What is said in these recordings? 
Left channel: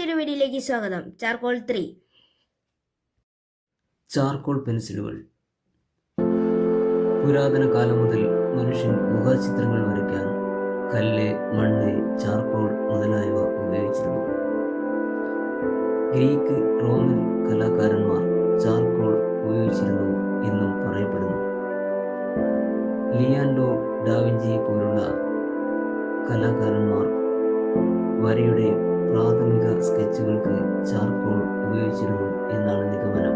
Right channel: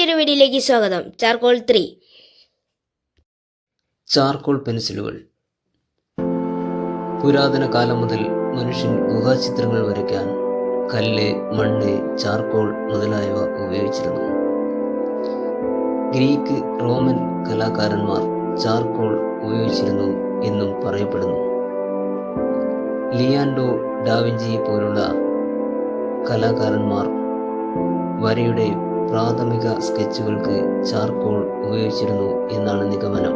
മറ്റൊരു വീഡിയോയിലേക്ക് സ്വാഗതം. ചാർക്കോൾ 3. ചാർക്കോൾ പെൻസിലുകൾ. പുരാതന കാലം മുതൽ മനുഷ്യൻ ഗുഹാചിത്രങ്ങൾ വരയ്ക്കാൻ കല്ല്, മണ്ണ്, ചാർക്കോൾ മുതലായവ ഉപയോഗിച്ചിരുന്നു. ഗ്രീക്ക്, റോമൻ കലാകാരന്മാർ ചാർക്കോൾ ഉപയോഗിച്ചിരുന്നു എന്നും പറയപ്പെടുന്നു. ലിയാൻഡോ ഡാവിഞ്ചിയെ പോലുള്ള കലാകാരന്മാർ വരയുടെ പ്രാഥമിക സ്കെച്ചുകൾക്ക് ചാർക്കോൾ ഉപയോഗിച്ചിരുന്നു എന്നാണ് നിഗമനം.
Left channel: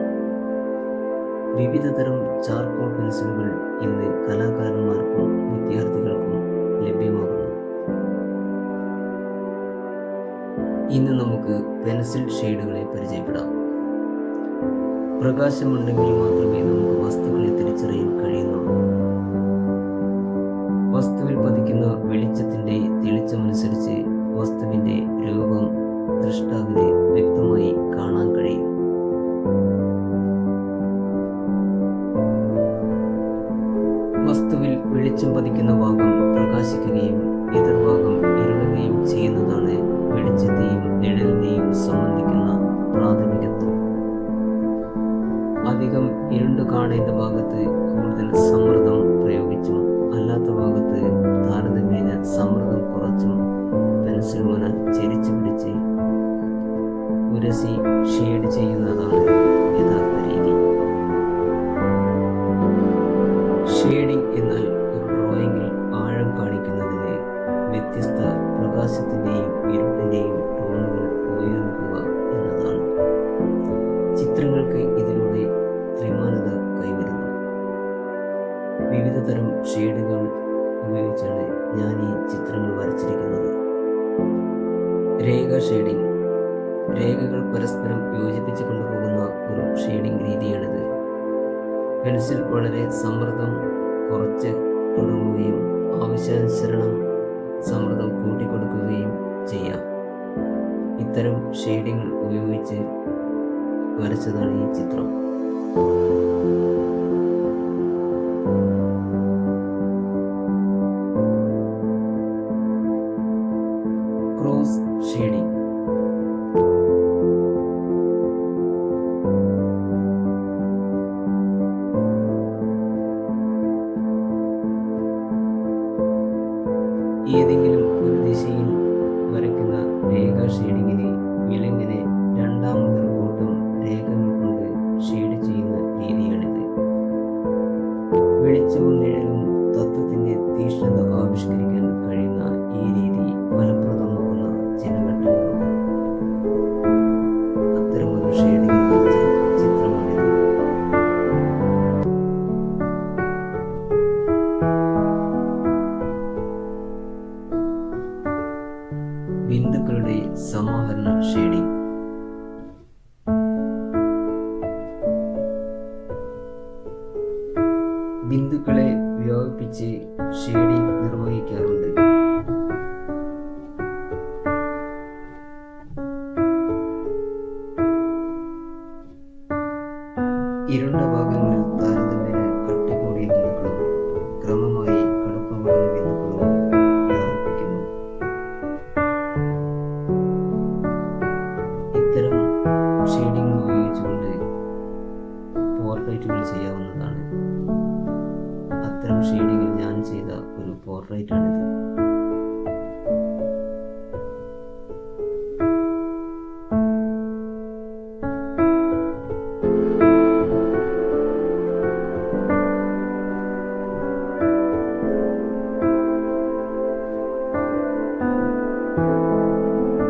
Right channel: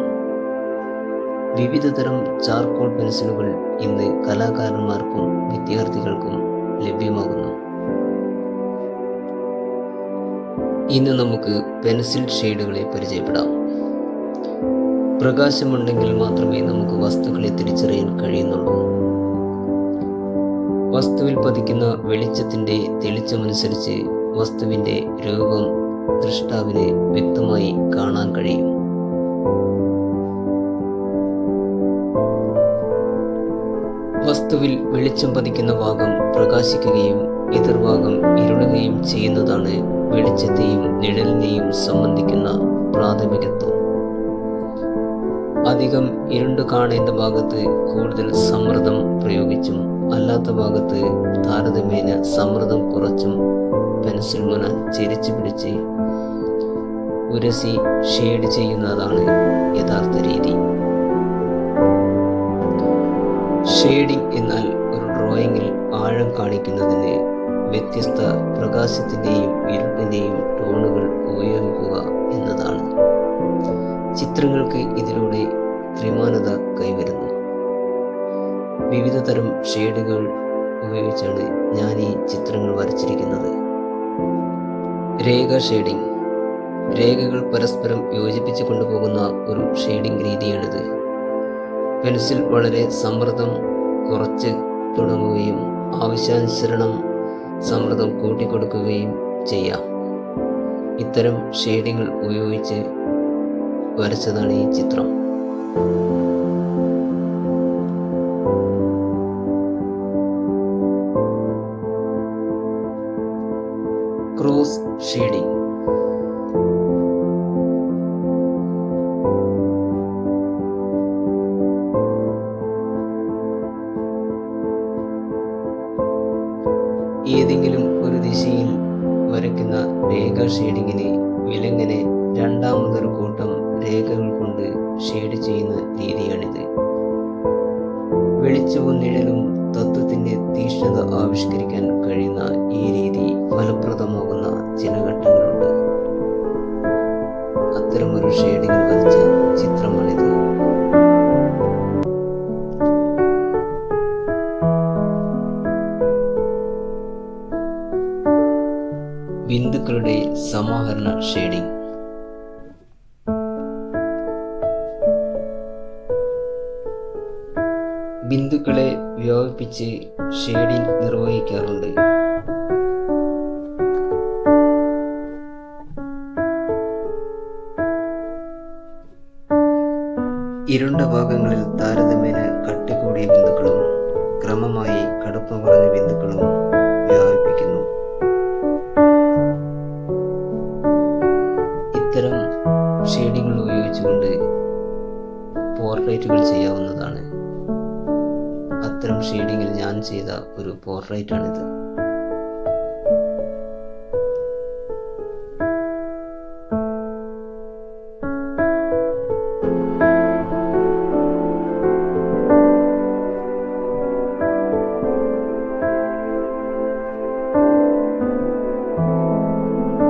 വിവിധതരം ചാർക്കോൾ പെൻസിലുകൾ ഇന്ന് കലാകാരന്മാർക്കും വിദ്യാർത്ഥികൾക്കും ലഭ്യമാകുന്നു. ഇന്ന് നമുക്ക് പെൻസിൽ ഷെയ്ഡുകളെ പരിചയപ്പെടാം. പ്രകാശമുണ്ടെങ്കിൽ മാത്രമേ നമുക്ക് വസ്തുക്കളെ തിരിച്ചറിയാൻ കഴിയുന്നുള്ളൂ. വസ്തുവിൽ പതിക്കുന്ന വെളിച്ചത്തിൻ്റെ തെളിച്ചമനുസരിച്ച് വസ്തുവിൻ്റെ രൂപം ദൃഷ്ടാവിന് വ്യക്തമായി കാണാൻ കഴിയും. വസ്തുവിൽ വെളിച്ചം പതിക്കുന്ന ഭാഗം പ്രകാശിക്കുകയും എതിർഭാഗം ഇരുളുകയും ചെയ്യുന്നതാണ് വെളിച്ചത്തെയും നിഴലിനെയും സംബന്ധിക്കുന്ന പ്രാഥമികത്വം. അധികം ഇരുണ്ടു കാണേണ്ട ഭാഗത്ത് കൂടുതൽ സമ്മർദ്ദം പ്രയോഗിച്ചും അല്ലാത്ത ഭാഗത്ത് താരതമ്യേന സമ്മർദ്ദം കുറച്ചും പെൻസിൽ മുന ചെരിച്ചു പിടിച്ച് ഉരസി ഷെയ്ഡ് ചെയ്യുന്നതാണ് യഥാർത്ഥ രീതി. ഷെയ്ഡിംഗ് എന്നാൽ ഒരു ഡ്രോയിങ്ങിൽ ആഴം കാണിക്കുന്നതിന് വ്യത്യസ്ത പ്രകാശത്തിൻ്റെയും ഇരുട്ടിൻ്റെയും ടോണുകൾ ഉപയോഗിക്കുക എന്നതാണ്. ചിത്രങ്ങൾക്ക് ഇതിലൂടെ ത്രിമാനത കൈവരുന്നു. വിവിധ തരം ഷെയ്ഡുകൾ ഉപയോഗിച്ചാണ് ഞാൻ ഈ ചിത്രങ്ങൾ വരച്ചിരിക്കുന്നത്. രേഖ ഷെയ്ഡിംഗ്. രേഖകൾ പരസ്പരം യോജിപ്പിച്ച് കൊണ്ടുപോകുന്ന ഒരു ഷെയ്ഡിംഗ് രീതിയാണിത്. പെൻസിൽ വളരെ സമ്മർദ്ദം കുറച്ച് തുടങ്ങുകയും ആവശ്യാനുസരണം സമ്മർദ്ദം കൂട്ടിക്കൊടുക്കുകയും ചെയ്യാം. ഇത്തരം ഷെയ്ഡിങ്ങൾ ഉപയോഗിച്ച് വരച്ചതാണ് ഈ ചിത്രം. Cross shading. ഏതെങ്കിലും ഒരു ദിശയിൽ വരയ്ക്കുന്ന രേഖ ഷെയ്ഡിങ്ങിന് വിലങ്ങനെ രണ്ടാമതൊരു കൂട്ടം രേഖകൾ കൊണ്ട് ഷെയ്ഡ് ചെയ്യുന്ന രീതിയാണിത്. വെളിച്ചവും നിഴലും തത്വത്തിൻ്റെ തീക്ഷ്ണത ആവിഷ്കരിക്കാൻ കഴിയുന്ന ഈ രീതി ഫലപ്രദമാകുന്ന ചില ഘട്ടങ്ങളുണ്ട്. അത്തരമൊരു ഷെയ്ഡിങ്ങിൽ വരച്ച ചിത്രമാണിത്. ബിന്ദുക്കളുടെ സമാഹരണ ഷെയ്ഡിംഗ്. ബിന്ദുക്കളെ വ്യാപിപ്പിച്ച് ഷെയ്ഡിംഗ് നിർവഹിക്കാറുണ്ട്. ഇരുണ്ട ഭാഗങ്ങളിൽ താരതമ്യേന കട്ടി കൂടിയ ബിന്ദുക്കളും ക്രമമായി കടുപ്പം കുറഞ്ഞ ബിന്ദുക്കളും വ്യാപിപ്പിക്കുന്നു. ഇത്തരം ഷെയ്ഡിങ്ങൾ ഉപയോഗിച്ചുകൊണ്ട് പോർട്രേറ്റുകൾ ചെയ്യാവുന്നതാണ്. അത്തരം ഷെയ്ഡിങ്ങിൽ ഞാൻ ചെയ്ത ഒരു പോർട്രേറ്റാണിത്.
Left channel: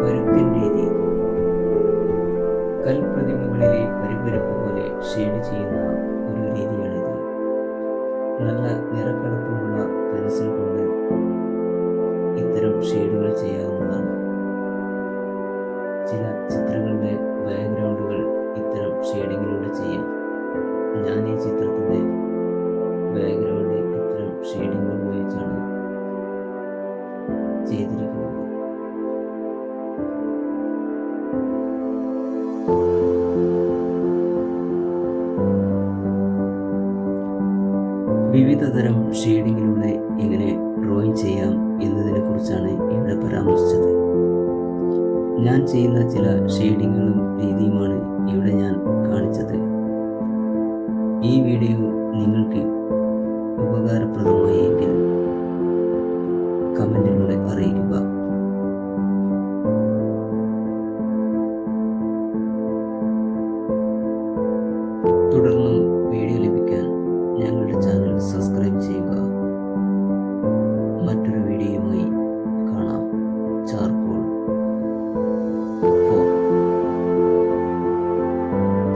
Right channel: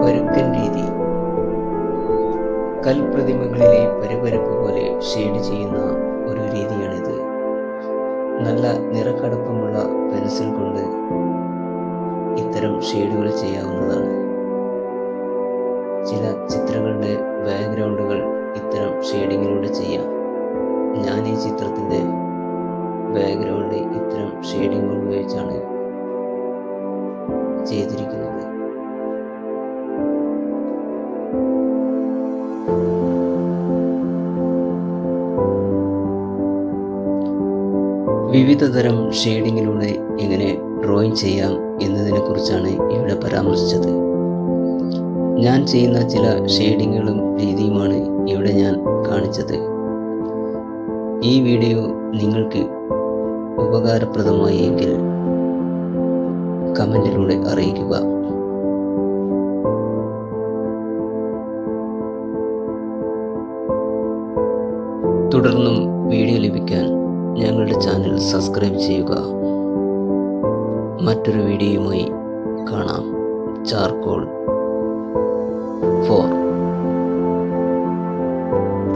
പരുക്കൻ രീതി. കൽപ്രതിമകളിലെ പരുപരപ്പ് പോലെ ഷെയ്ഡ് ചെയ്യുന്ന ഒരു രീതിയാണിത്. നല്ല നിറക്കടുപ്പമുള്ള പെൻസിൽ കൊണ്ട് ഇത്തരം ഷെയ്ഡുകൾ ചെയ്യാവുന്നതാണ്. ചില ചിത്രങ്ങളുടെ ബാക്ക്ഗ്രൗണ്ടുകൾ ഇത്തരം ഷെയ്ഡിങ്ങിലൂടെ ചെയ്യാം. ഞാൻ ഈ ചിത്രത്തിൻ്റെ ബാക്ക്ഗ്രൗണ്ട് ഇത്തരം ഷെയ്ഡിങ്ങുകൾ ഉപയോഗിച്ചാണ് ചെയ്തിരിക്കുന്നത്. വിവിധതരം ഷെയ്ഡിങ്ങിലൂടെ എങ്ങനെ ഡ്രോയിങ് ചെയ്യാം എന്നതിനെക്കുറിച്ചാണ് ഇവിടെ പരാമർശിച്ചത്. ഞാൻ ചെയ്യുന്ന ചില ഷെയ്ഡിങ്ങുകളും രീതിയുമാണ് ഇവിടെ ഞാൻ കാണിച്ചത്. ഈ വീഡിയോ നിങ്ങൾക്ക് ഉപകാരപ്രദമായി എങ്കിൽ കമൻറ്റിലൂടെ അറിയിക്കുക. തുടർന്നും വീഡിയോ ലഭിക്കാൻ ഞങ്ങളുടെ ചാനൽ സബ്സ്ക്രൈബ് ചെയ്യുക. മറ്റൊരു വീഡിയോയുമായി കാണാം. ചാർക്കോൾ 4